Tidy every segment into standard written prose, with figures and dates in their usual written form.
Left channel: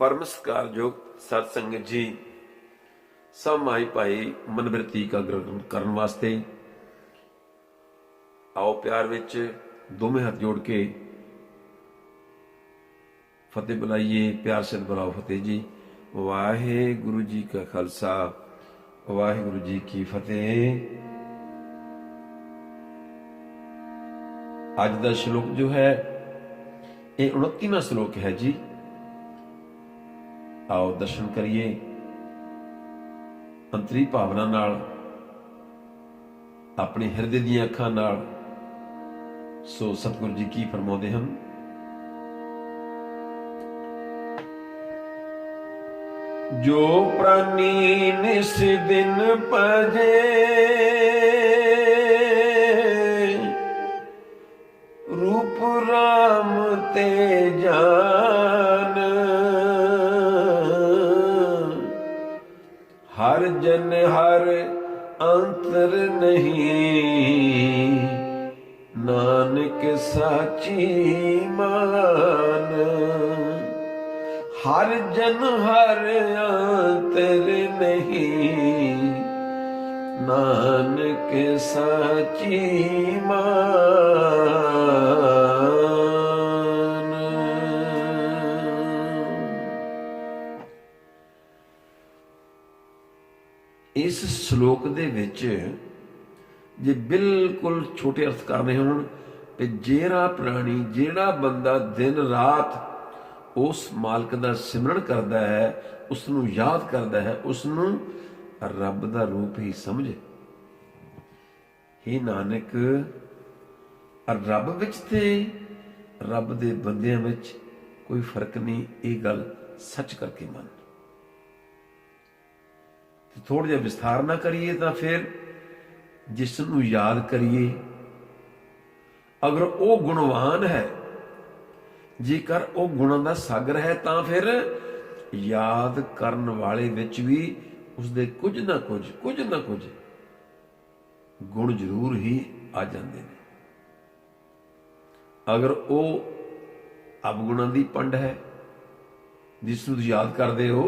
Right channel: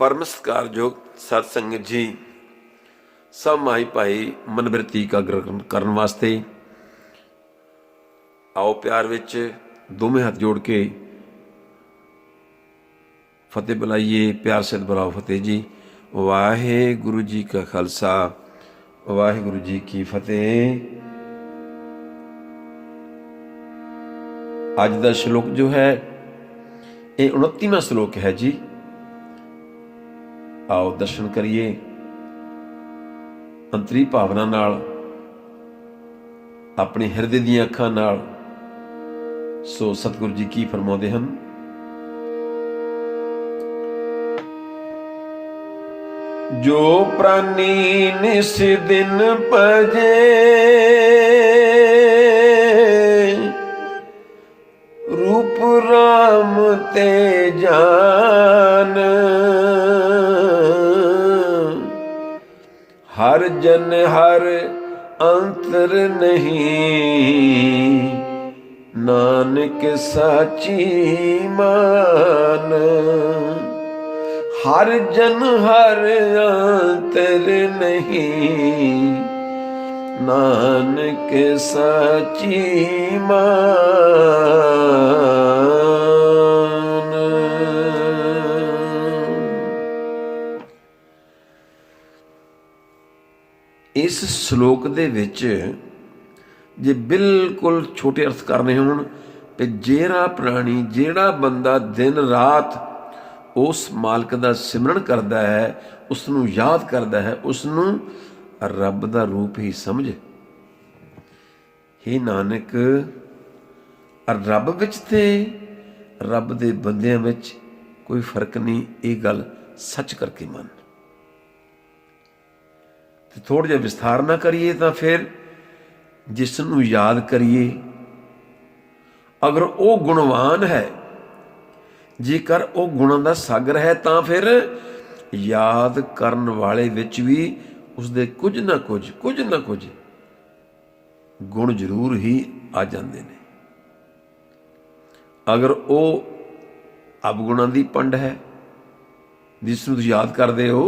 परम सत्कारयोग सत संगत जी, सब माई भाई मनबिरती का ग्रहण करने वास्ते आओ प्यार विच दोवें हाथ जोड़ के फतेह बुलाइए। प्यार से बुलाओ फतेह जी। वाहे गुरु जी का खालसा, वाहे गुरु जी की फतेह। अज का श्लोक जो है ये 29वां श्लोक है जी। आओ दर्शन करिए अंतरी भावना नाल, अपने हिरदे दी अखां नाल। सो सतगुरु जी की फरमाते हैं, जो प्राणी निस दिन भजे रूप राम ते जान, हर जन हर अंतर नहीं, नानक साची मान। हर जन हर अंतर नहीं, नानक साची मान। इस श्लोक दे विच जे बिल्कुल छोटे अर्थ करने होण ते जेड़ा प्राणी जेड़ा बंदा दिन रात उस मालक दा सिमरन करदा है, उसनूं याद करदा है, उसनूं रब दा रूप ही समझ। हे नानक, रब विच ते रब दे बंदियां विच कोई फर्क नहीं, ये गल सच करके मन। थोड़ा जिहा विस्तार ना करिए तो फिर जिसनूं याद करिए, अगर वो गुणवान है, जेकर वो गुणां दा सागर है, तो फिर याद करन वाले विच भी उसदे कुछ ना कुछ गुण जरूर ही आ जाते हैं। अगर वो अवगुणां दी पंड है जिसनूं तुसीं याद करदे हो,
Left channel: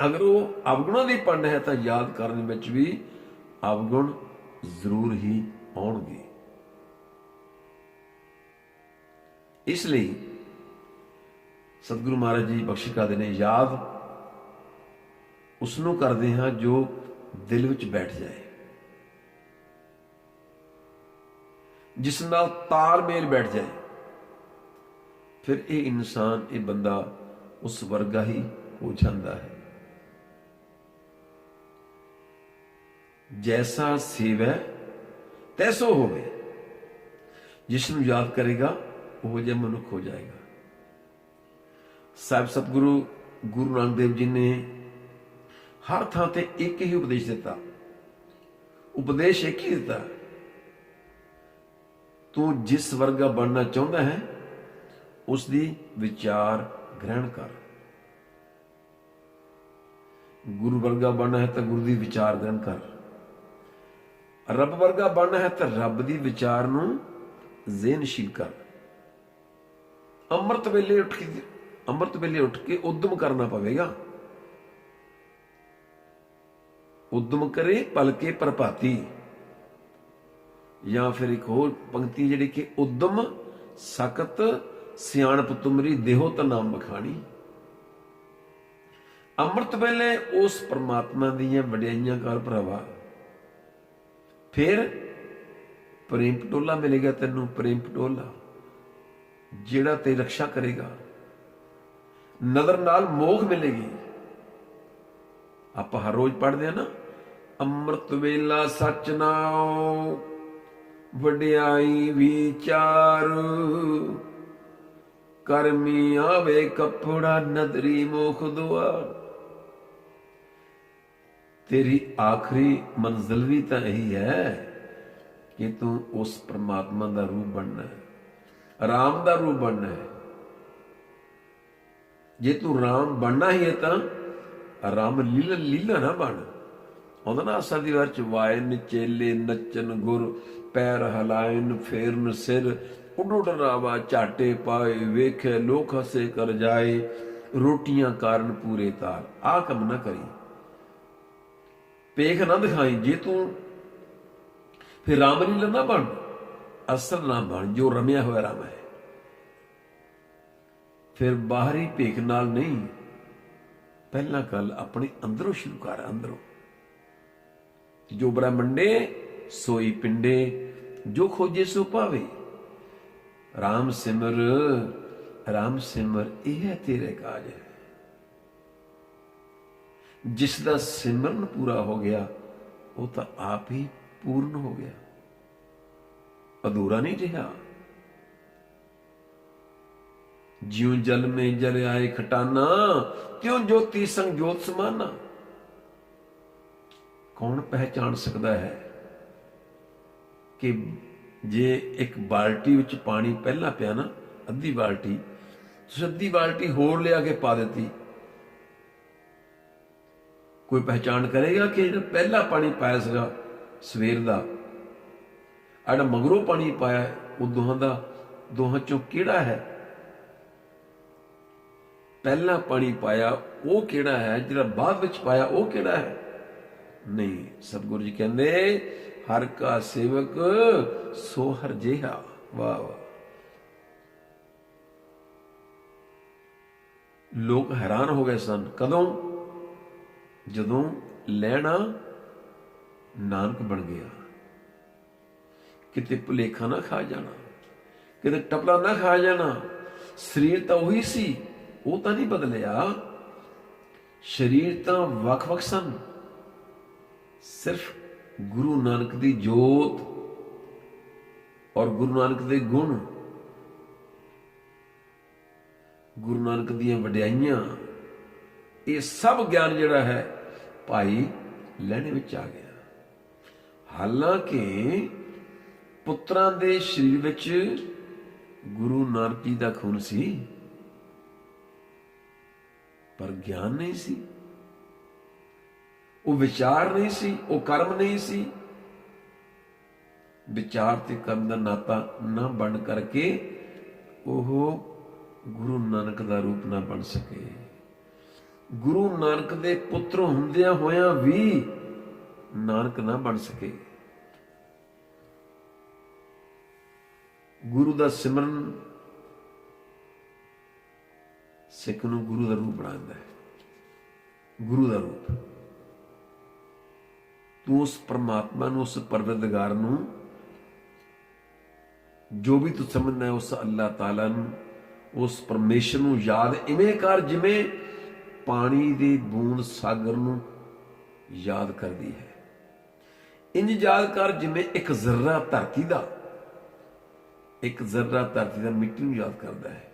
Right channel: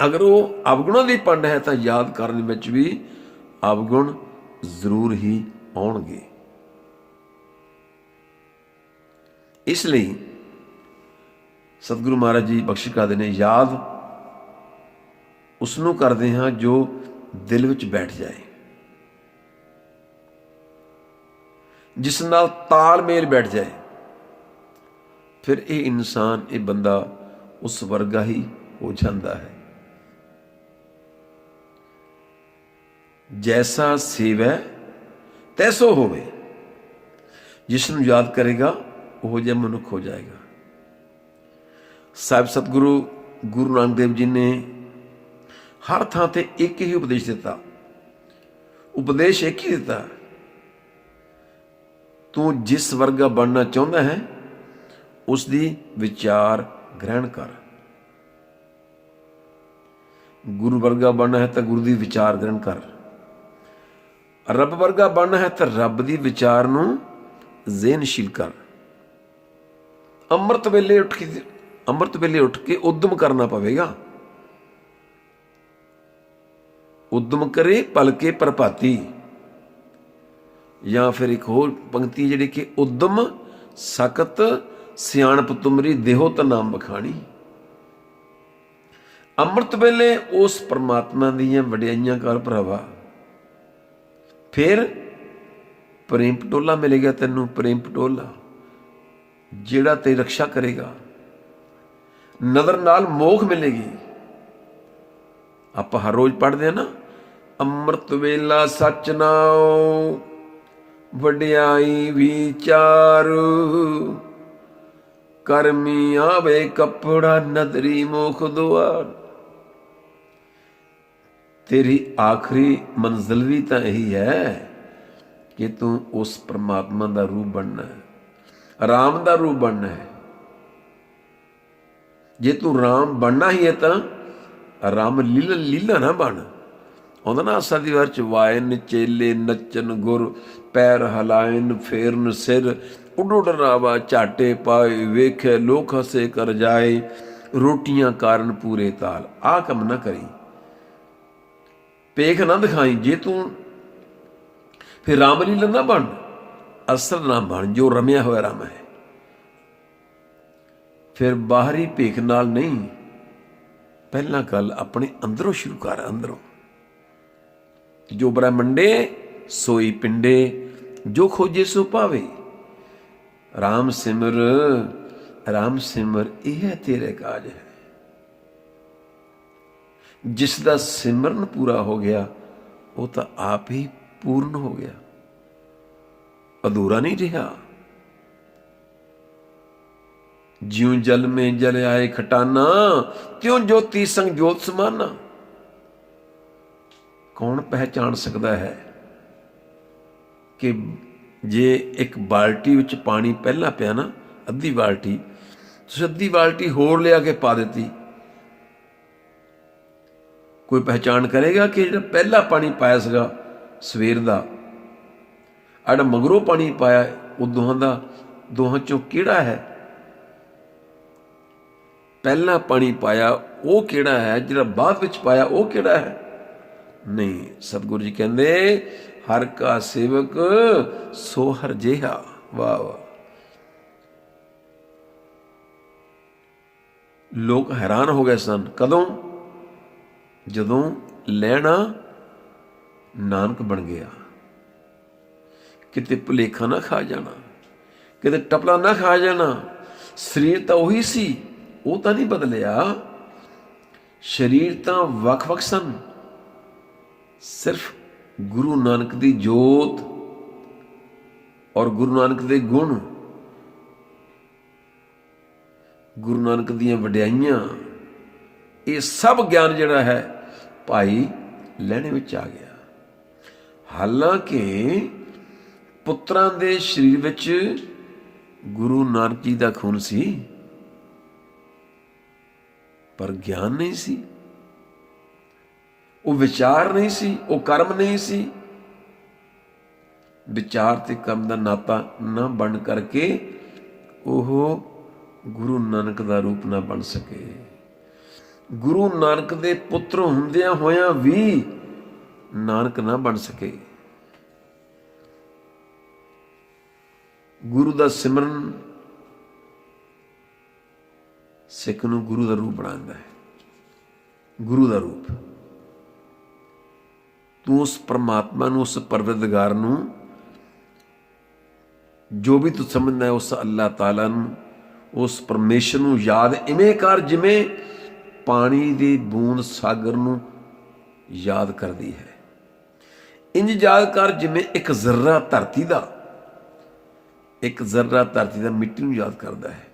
अगर वो अवगुणां दी पंड है तो याद करने विच भी अवगुण जरूर ही आउणगे। इसलिए सतगुरु महाराज जी बख्श करते हैं, याद उसनों करते हैं जो दिल विच बैठ जाए, जिस नाल तालमेल बैठ जाए। फिर ये इंसान, ये बंदा उस वर्गा ही हो जाता है। जैसा सेवै तैसो होवे, जिसनूं याद करेगा वो जिहा मनुख हो जाएगा। साहिब सतगुरु गुरु नानक देव जी ने हर थां ते एक ही उपदेश दिता, उपदेश एक ही दिता, तू जिस वर्गा बनना चाहता है उसकी विचार ग्रहण कर। गुरु वर्गा बनना है तो गुरु की विचार ग्रहण कर, रब वर्गा बनना है तो रब की विचार नूं ज़हनशील कर। अमृत वेले उठ के उद्यम करना पवेगा। उद्यम करे पलके प्रभाती, या फिर एक होर पंक्ति जिहड़ी कि उद्यम सकत सियाणप तुमरी देहो तो नाम बखानी। अमृत वेले उस परमात्मा दीयां वडियाइयां कर भरावा। फिर प्रेम पटोला मिलेगा तैनूं, प्रेम पटोला जिहड़ा तेरी रक्षा करेगा। नदर नाल मोख मिलेगी। आप हर रोज पढ़ते हैं ना, अमृत वेला सच नाओ वडियाई विचार, करमी आवे कपड़ा नदरी मोख द्वार। तेरी आखिरी मंजिल भी तो यही है कि तू उस परमात्मा का रूप बनना है, राम का रूप बनना है। जे तू राम बनना ही है तो राम लीला ना बन। आउंदा ना आसा दी वार च, वायन चेले नचन गुर, पैर हलायन फेरन सिर, उड उड रावा झाटे पाए, वेखे लोक हसे कर जाए, ਰੋਟੀਆਂ ਕਾਰਨ ਪੂਰੇ ਤਾਲ। ਆਹ ਕੰਮ ਨਾ ਕਰੀ, ਪੇਖ ਨਾ ਦਿਖਾਈ। ਜੇ ਤੂੰ ਫਿਰ ਰਾਮਲੀਲਾ ਨਾ ਬਣ, ਅਸਲ ਨਾ ਬਣ ਜੋ ਰਮਿਆ ਹੋਇਆ ਰਾਮ ਹੈ। ਫਿਰ ਬਾਹਰੀ ਭੇਖ ਨਾਲ ਨਹੀਂ, ਪਹਿਲਾਂ ਗੱਲ ਆਪਣੇ ਅੰਦਰੋਂ ਸ਼ੁਰੂ ਕਰ। ਅੰਦਰੋਂ ਜੋ ਬ੍ਰਹਮੰਡੇ ਸੋਈ ਪਿੰਡੇ, ਜੋ ਖੋਜੇ ਸੋ ਪਾਵੇ। ਰਾਮ ਸਿਮਰ, ਰਾਮ ਸਿਮਰ, ਇਹ ਹੈ ਤੇਰੇ ਕਾਜ ਹੈ। ਜਿਸ ਦਾ ਸਿਮਰਨ ਪੂਰਾ ਹੋ ਗਿਆ ਉਹ ਤਾਂ ਆਪ ਹੀ ਪੂਰਨ ਹੋ ਗਿਆ, ਅਧੂਰਾ ਨਹੀਂ ਰਿਹਾ। ਜਿਉਂ ਜਲ ਮੇ ਜਲ ਆਏ ਖਟਾਨਾ, ਤਿਉਂ ਜੋਤੀ ਸੰਗ ਜੋਤ ਸਮਾਨਾ। ਕੌਣ ਪਹਿਚਾਣ ਸਕਦਾ ਹੈ ਕਿ ਜੇ ਇੱਕ ਬਾਲਟੀ ਵਿੱਚ ਪਾਣੀ ਪਹਿਲਾਂ ਪਿਆ ਨਾ, ਅੱਧੀ ਬਾਲਟੀ, ਤੁਸੀਂ ਅੱਧੀ ਬਾਲਟੀ ਹੋਰ ਲਿਆ ਕੇ ਪਾ ਦਿੱਤੀ, ਕੋਈ ਪਹਿਚਾਣ ਕਰੇਗਾ ਕਿ ਜਿਹੜਾ ਪਹਿਲਾ ਪਾਣੀ ਪਾਇਆ ਸੀਗਾ ਸਵੇਰ ਦਾ, ਜਿਹੜਾ ਮਗਰੋਂ ਪਾਣੀ ਪਾਇਆ, ਉਹ ਦੋਹਾਂ ਚੋਂ ਕਿਹੜਾ ਹੈ? ਪਹਿਲਾਂ ਪਾਣੀ ਪਾਇਆ ਉਹ ਕਿਹੜਾ ਹੈ, ਜਿਹੜਾ ਬਾਅਦ ਵਿੱਚ ਪਾਇਆ ਉਹ ਕਿਹੜਾ ਹੈ? ਨਹੀਂ। ਸਤਿਗੁਰੂ ਜੀ ਕਹਿੰਦੇ ਹਰ ਕਾ ਸੇਵਕ ਸੋ ਹਰ ਜਿਹਾ। ਵਾਹ ਵਾਹ। ਲੋਕ ਹੈਰਾਨ ਹੋ ਗਏ ਸਨ। ਕਦੋਂ? ਜਦੋਂ ਲੈਣਾ ਨਾਨਕ ਬਣ ਗਿਆ। ਕਿਤੇ ਭੁਲੇਖਾ ਨਾ ਖਾ ਜਾਣਾ, ਕਿਤੇ ਟਪਲਾ ਨਾ ਖਾ ਜਾਣਾ। ਸਰੀਰ ਤਾਂ ਉਹੀ ਸੀ, ਉਹ ਤਾਂ ਨਹੀਂ ਬਦਲਿਆ। ਸਰੀਰ ਤਾਂ ਵੱਖ-ਵੱਖ ਸਨ, ਸਿਰਫ ਗੁਰੂ ਨਾਨਕ ਦੀ ਜੋਤ ਔਰ ਗੁਰੂ ਨਾਨਕ ਦੇ ਗੁਣ, ਗੁਰੂ ਨਾਨਕ ਦੀਆਂ ਵਡਿਆਈਆਂ, ਇਹ ਸਭ ਗਿਆਨ ਜਿਹੜਾ ਹੈ ਭਾਈ ਲਹਿਣੇ ਵਿੱਚ ਆ ਗਿਆ। ਹਾਲਾਂਕਿ ਪੁੱਤਰਾਂ ਦੇ ਸਰੀਰ ਵਿੱਚ ਗੁਰੂ ਨਾਨਕ ਜੀ ਦਾ ਖੂਨ ਸੀ, ਪਰ ਗਿਆਨ ਨਹੀਂ ਸੀ, ਉਹ ਵਿਚਾਰ ਨਹੀਂ ਸੀ, ਉਹ ਕਰਮ ਨਹੀਂ ਸੀ। ਵਿਚਾਰ ਤੇ ਕਰਮ ਦਾ ਨਾਤਾ ਨਾ ਬਣ ਕਰਕੇ ਉਹ ਗੁਰੂ ਨਾਨਕ ਦਾ ਰੂਪ ਨਾ ਬਣ ਸਕੇ। ਗੁਰੂ ਨਾਨਕ ਦੇ ਪੁੱਤਰ ਹੁੰਦਿਆਂ ਹੋਇਆਂ ਵੀ ਨਾਨਕ ਨਾ ਬਣ ਸਕੇ। ਗੁਰੂ ਦਾ ਸਿਮਰਨ ਸਿੱਖ ਨੂੰ ਗੁਰੂ ਦਾ ਰੂਪ ਬਣਾਉਂਦਾ ਹੈ। ਗੁਰੂ ਦਾ ਰੂਪ, ਤੂੰ ਉਸ ਪਰਮਾਤਮਾ ਨੂੰ, ਉਸ ਪਰਵਰਦਗਾਰ ਨੂੰ, ਜੋ ਵੀ ਤੂੰ ਸਮਝਦਾ ਹੈ ਉਸ ਅੱਲਾਹ ਤਾਲਾ ਨੂੰ, ਉਸ ਪਰਮੇਸ਼ਰ ਨੂੰ ਯਾਦ ਇਵੇਂ ਕਰ ਜਿਵੇਂ ਪਾਣੀ ਦੀ ਬੂੰਦ ਸਾਗਰ ਨੂੰ ਯਾਦ ਕਰਦੀ ਹੈ। ਇੰਝ ਯਾਦ ਕਰ ਜਿਵੇਂ ਇੱਕ ਜ਼ਰਰਾ ਧਰਤੀ ਦਾ ਮਿੱਟੀ ਨੂੰ ਯਾਦ ਕਰਦਾ ਹੈ,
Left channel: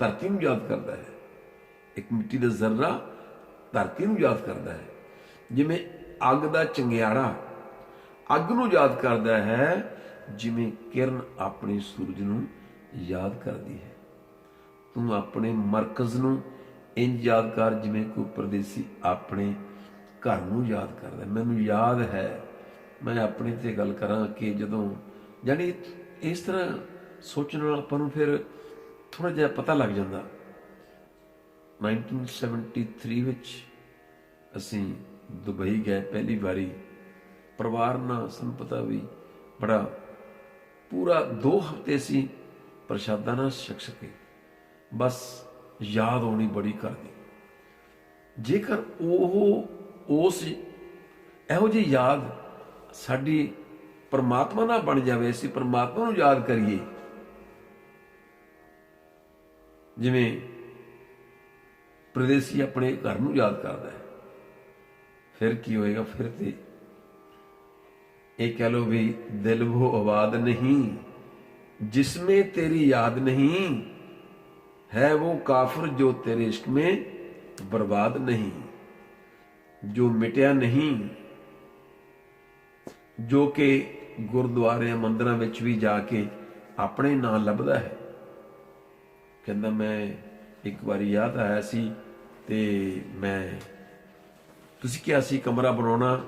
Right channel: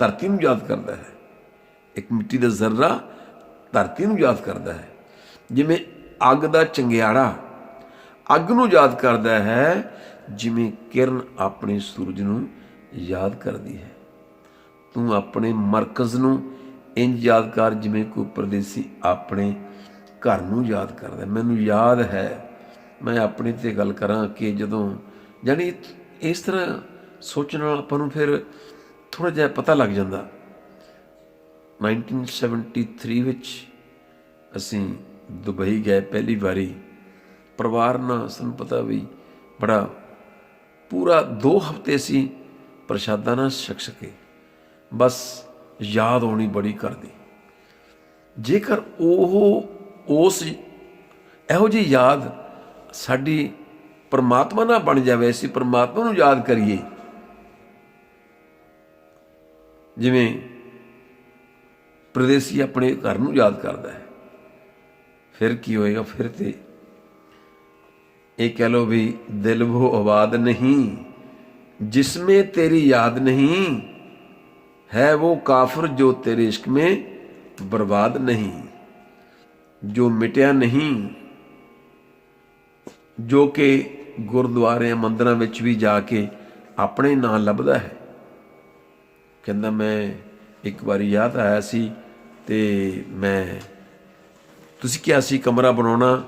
ਧਰਤੀ ਨੂੰ ਯਾਦ ਕਰਦਾ ਹੈ। ਇੱਕ ਮਿੱਟੀ ਦਾ ਜ਼ਰਰਾ ਧਰਤੀ ਨੂੰ ਯਾਦ ਕਰਦਾ ਹੈ। ਜਿਵੇਂ ਅੱਗ ਦਾ ਚੰਗਿਆੜਾ ਅੱਗ ਨੂੰ ਯਾਦ ਕਰਦਾ ਹੈ, ਜਿਵੇਂ ਕਿਰਨ ਆਪਣੇ ਸੂਰਜ ਨੂੰ ਯਾਦ ਕਰਦੀ ਹੈ। ਤੂੰ ਆਪਣੇ ਮਰਕਜ਼ ਨੂੰ ਇੰਝ ਯਾਦ ਕਰ ਜਿਵੇਂ ਕੋਈ ਪਰਦੇਸੀ ਆਪਣੇ ਘਰ ਨੂੰ ਯਾਦ ਕਰਦਾ। ਮੈਨੂੰ ਯਾਦ ਹੈ, ਮੈਂ ਆਪਣੇ 'ਤੇ ਗੱਲ ਕਰਾਂ ਕਿ ਜਦੋਂ ਜਾਣੀ ਇਸ ਤਰ੍ਹਾਂ ਸੋਚਣ ਨਾਲ ਆਪਾਂ ਨੂੰ ਫਿਰ ਥੋੜ੍ਹਾ ਜਿਹਾ ਪਤਾ ਲੱਗ ਜਾਂਦਾ। 1973 ਵਿੱਚ ਅਸੀਂ ਦੁਬਈ ਗਏ ਪਹਿਲੀ ਵਾਰੀ, ਪਰਿਵਾਰ ਨਾਲ। ਸਾਨੂੰ ਪਤਾ ਵੀ ਬੜਾ ਪੂਰਾ 2 ਹਫ਼ਤੇ ਅਸੀਂ ਪ੍ਰਸ਼ਾਦਾ ਨਾ ਛਕ ਸਕੇ, ਬਸ ਯਾਦ ਆਉਣੀ ਬੜੀ ਕਰਦੀ। ਜੇਕਰ ਉਸ ਇਹੋ ਜਿਹੀ ਯਾਦ ਸਾਡੀ ਪਰਮਾਤਮਾ ਨਾਲ ਬਣ ਜਾਵੇ, ਅਸੀਂ ਪਰਮਾਤਮਾ ਨੂੰ ਯਾਦ ਕਰੀਏ ਜਿਵੇਂ ਪ੍ਰਦੇਸੀ ਆਪਣੇ ਘਰ ਨੂੰ ਯਾਦ ਕਰਦਾ ਹੈ, ਫਿਰ ਕੀ ਹੋਏਗਾ? ਫਿਰ ਤੇ ਇਹ ਕਹਿ ਲਓ ਵੀ ਦਿਲ ਵੋ ਆਬਾਦ ਨਹੀਂ जिसमें तेरी याद नहीं है, वो काफिर जो तेरे इश्क में बर्बाद नहीं, जो मिटिया नहीं, जो कि गुरुद्वारे मंदिरों ਵਿੱਚ ਵੀ ਜਾ ਕੇ ਆਪਣੇ ਨਾਂ ਲੱਭਦਾ ਹੈ। ਕਹਿੰਦਾ ਮੈਂ ਇੱਕ ਵਾਰੀ ਯਾਦ ਆਇਆ ਸੀ ਤੇ ਮੈਂ ਤੁਸੀਂ ਕਿਹਾ ਸੀ ਕਮਰਾ ਬਣਾਉਣਾ,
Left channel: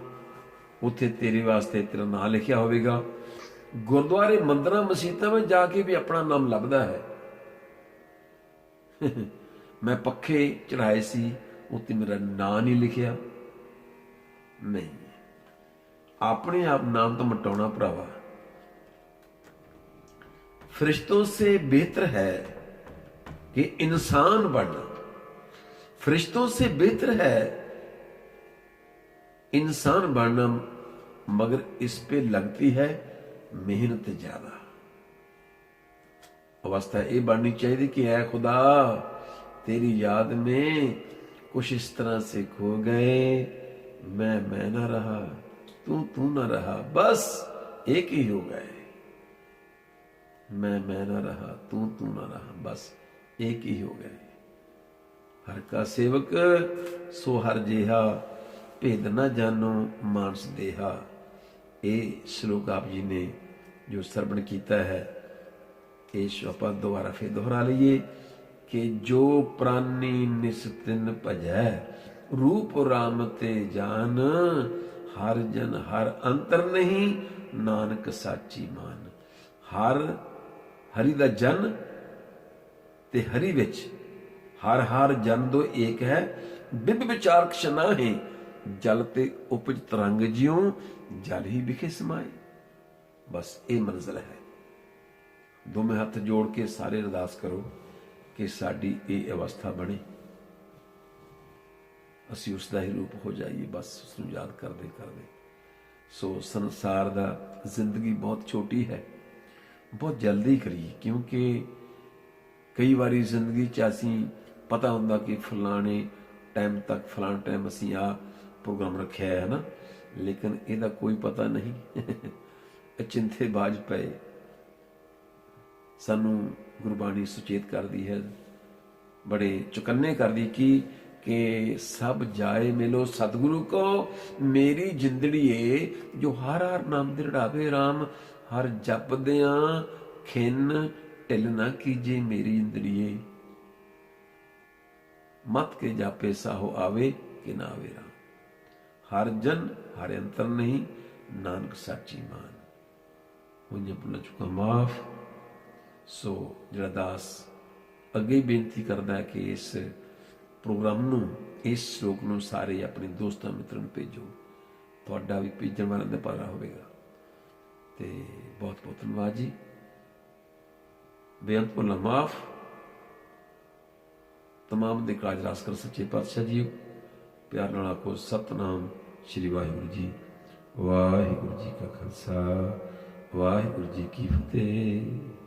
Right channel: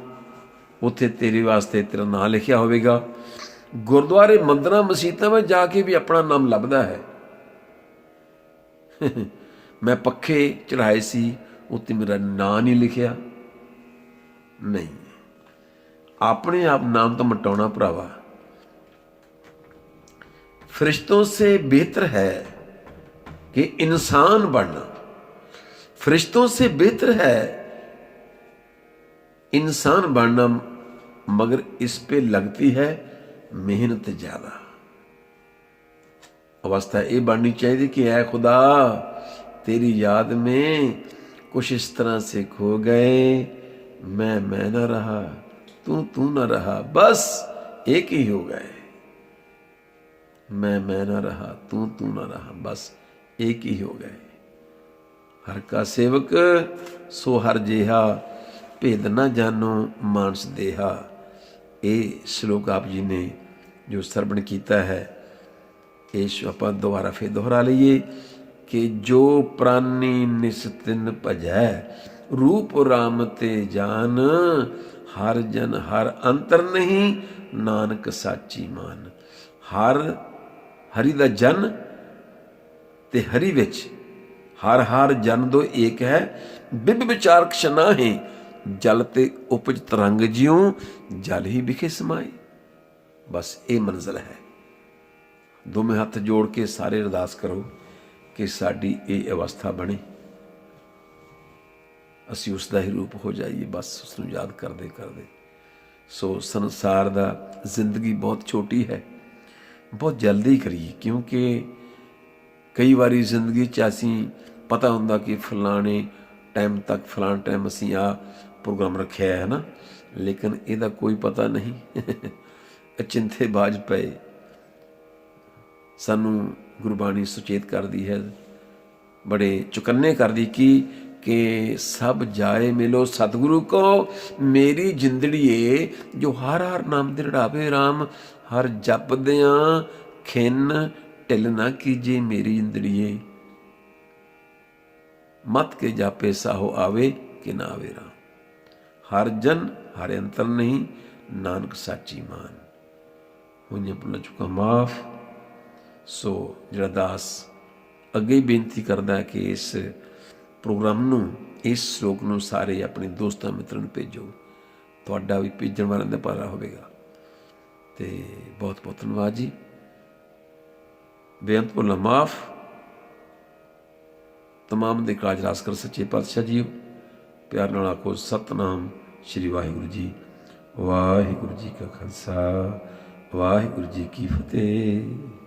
ਉੱਥੇ ਤੇਰੇ ਵਾਸਤੇ ਤੇਰਾ ਨਾਂ ਲਿਖਿਆ ਹੋਵੇਗਾ। ਗੁਰਦੁਆਰੇ ਮੰਦਿਰਾਂ ਮਸੀਤਾਂ ਵਿੱਚ ਜਾ ਕੇ ਵੀ ਆਪਣਾ ਨਾਮ ਲੱਭਦਾ ਹੈ। मैं पखे चढ़ाए सी उत्ते मेरा नाम नहीं लिखिया। नहीं, अपने आप नाम तो मिटाना भरावा। फरिश्तों से बेहतर है कि इंसान बनना, फरिश्तों से बेहतर है इंसान बनना, मगर इस पे लगती है मेहनत ज्यादा। अवस्था ये बननी चाहिए कि ऐ खुदा तेरी याद में कुछ इस तरह से खो गए, मैं ना रहा, तू ना रहा, बस एक ही हो गए। मैं ना रहा, तू ना रहा, बस एक ही हो गए। हर का सेवक सो हर जिहा, भेद ना जानो मानस देहा। ये श्लोक आप जी ने जो श्रवण किया है, इस आप दोबारा फिर दोहरा लीए कि जो प्राणी निस्तिन भजै, रूप राम ते जान, हर जन हर अंतर नहीं, नानक साची मान। हर हरि दा जन ते हरि विच, हर हर जन दो एक है, बिब विचार क्षना है, जल ते उपज तरंग ज्यों, जल ही विखे समाए। बस ये मंजिल है। दोवें हथ जोड़ के सारे अरदास करो कि साडी ये अवस्था बने, असी उसका ही रूप हो जाइए, बस उसनूं याद करते करते। सो संसार दा जिंदगी बहुत छोटी है, बहुत जल्दी करिए, क्योंकि कई बारी जिंदगी च असी पता हुंदा कि फलाने टाइम तक फलाने टाइम असी आ प्रोग्राम रखा है ना, लेकिन इहदा कोई पता नहीं। अचिंथे बाज पे सानू गुरबाणी सुचेत करती है, बड़े चुकन्ने करती कि सब जाए मिलो सतगुरु को, मेरी जिंदड़ीए जो हर हर नाम दृढ़ावे राम, हर जपदियां खिन ढिल ना कीजे मेरी जिंदड़ीए, मत के जापे साहो आवे कि ना आवे राम। हर जन हर अंतर नहीं, नानक साची मान। होइयां भुल्लां चुकां माफ। सो जिहड़ा दास अगे ही बेनती करदा है कि इस प्रोग्राम नूं, इस श्लोक नूं सारे अपने दोस्तां मित्रों नूं भेजो, तुहाडा भी भेजण वालिआं दा भला होवेगा। ते बहुत बहुत धन्नवाद जी। बेअंत भुल्लां माफ। तमाम दे काज रास कर सच्चे पातशाह जीओ। प्यार नाल आखो सतनाम श्री वाहिगुरू जी। वाहिगुरू जी का खालसा, वाहिगुरू जी की फतेह।